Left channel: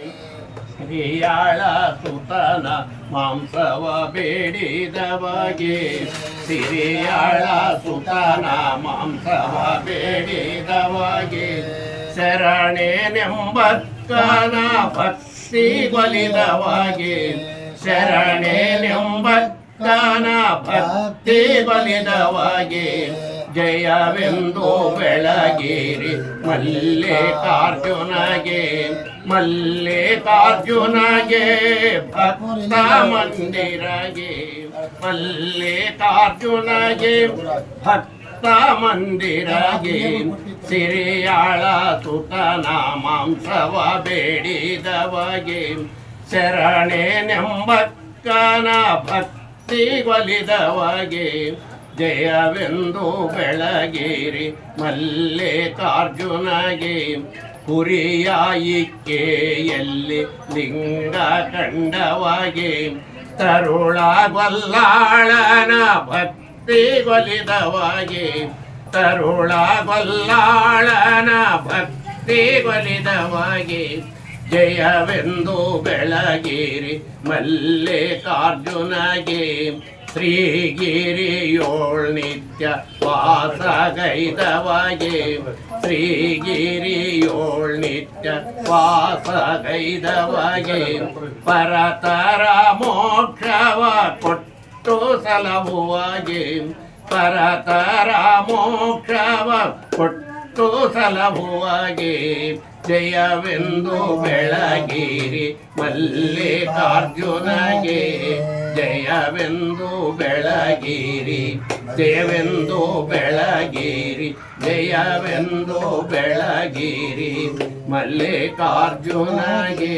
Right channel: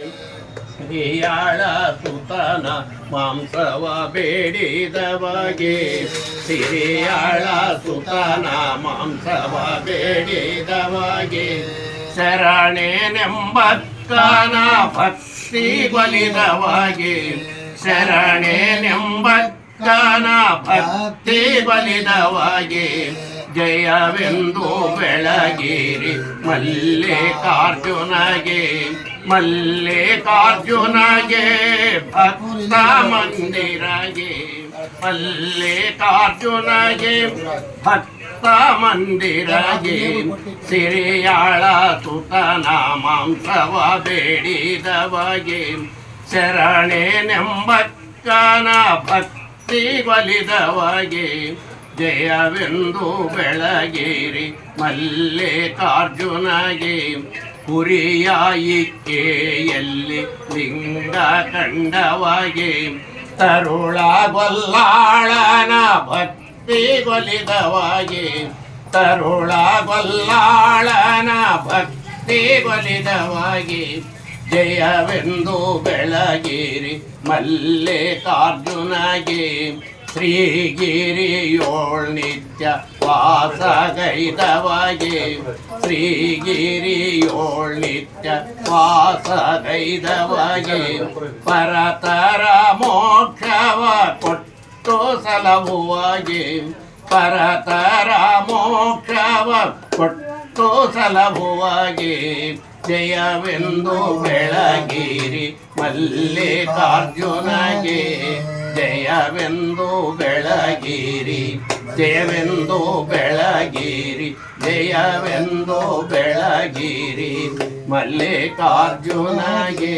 ಹಿರಿಯಾಳ ಸುತನ ಮಾಂಸವ ಬೇಡಿದವಗೆ ಸಿರಿಯಾಳ ಸುತನ ಮಾಂಸವ ಬೇಡಿದವಗೆ ಶರಣೆನೆಂಬಕ್ಕನ ಭಕ್ತಿ ಬಲಿದವಗೆ ಶರಣೆನೆಂಬಕ್ಕನ ಭಕ್ತಿ ಬಲಿದವಗೆ ಜಯವೆಂದು ಬೆಳಗಿರಿ ಮಲ್ಲಿಕಾರ್ಜುನಗೆ ಮಲ್ಲಿಕಾರ್ಜುನಗೆ ಭಕ್ತ ಮಂದಿರಗೆ ಮಲ್ಲಿಕಾರ್ಜುನಗೆ ಭಕ್ತ ಮಂದಿರಗೆ ಸಿರಿಯಾಳ ಸುತನ ಮಾಂಸವ ಬೇಡಿದವಗೆ ಶರಣೆನೆಂಬಕ್ಕನ ಭಕ್ತಿ ಬಲಿದವಗೆ ಜಯವೆಂದು ಬೆಳಗಿರಿ ಮಲ್ಲಿಕಾರ್ಜುನಗೆ ಹುರಿಯಾಯಿಕೆಯಲ್ಲಿ ಲಿಂಗ ಕಂಡವಗೆ ತರುಳ ಗೊಲ್ಲಾಳನ ಭಕ್ತಿ ಒಲಿದವಗೆ ತರುಳ ಗೊಲ್ಲಾಳನ ಭಕ್ತಿ ಒಲಿದವಗೆ ಜಯವೆಂದು ಬೆಳಗಿರಿ ಮಲ್ಲಿಕಾರ್ಜುನಗೆ ಶ್ರೀಗಿರಿಯೋಳ್ ನಿತ್ಯ ವಾಸಗೈದವಗೆ ಶ್ರೀಗಿರಿಯೋಳ್ ನಿತ್ಯ ವಾಸಗೈದವಗೆ ಪರತರ ಮೋಕ್ಷವ ಕೊಟ್ಟು ಸಲಹುವಗೆ ಪರತರ ಮೋಕ್ಷವ ಕೊಟ್ಟು ಸಲಹುವಗೆ ಜಯವೆಂದು ಬೆಳಗಿರಿ ಮಲ್ಲಿಕಾರ್ಜುನಗೆ ಜಯವೆಂದು ಬೆಳಗಿರಿ ಜಯವೆಂದು ಬೆಳಗಿರಿ ಜಯವೆಂದು ಬೆಳಗಿರಿ ಮಲ್ಲಿಕಾರ್ಜುನಗೆ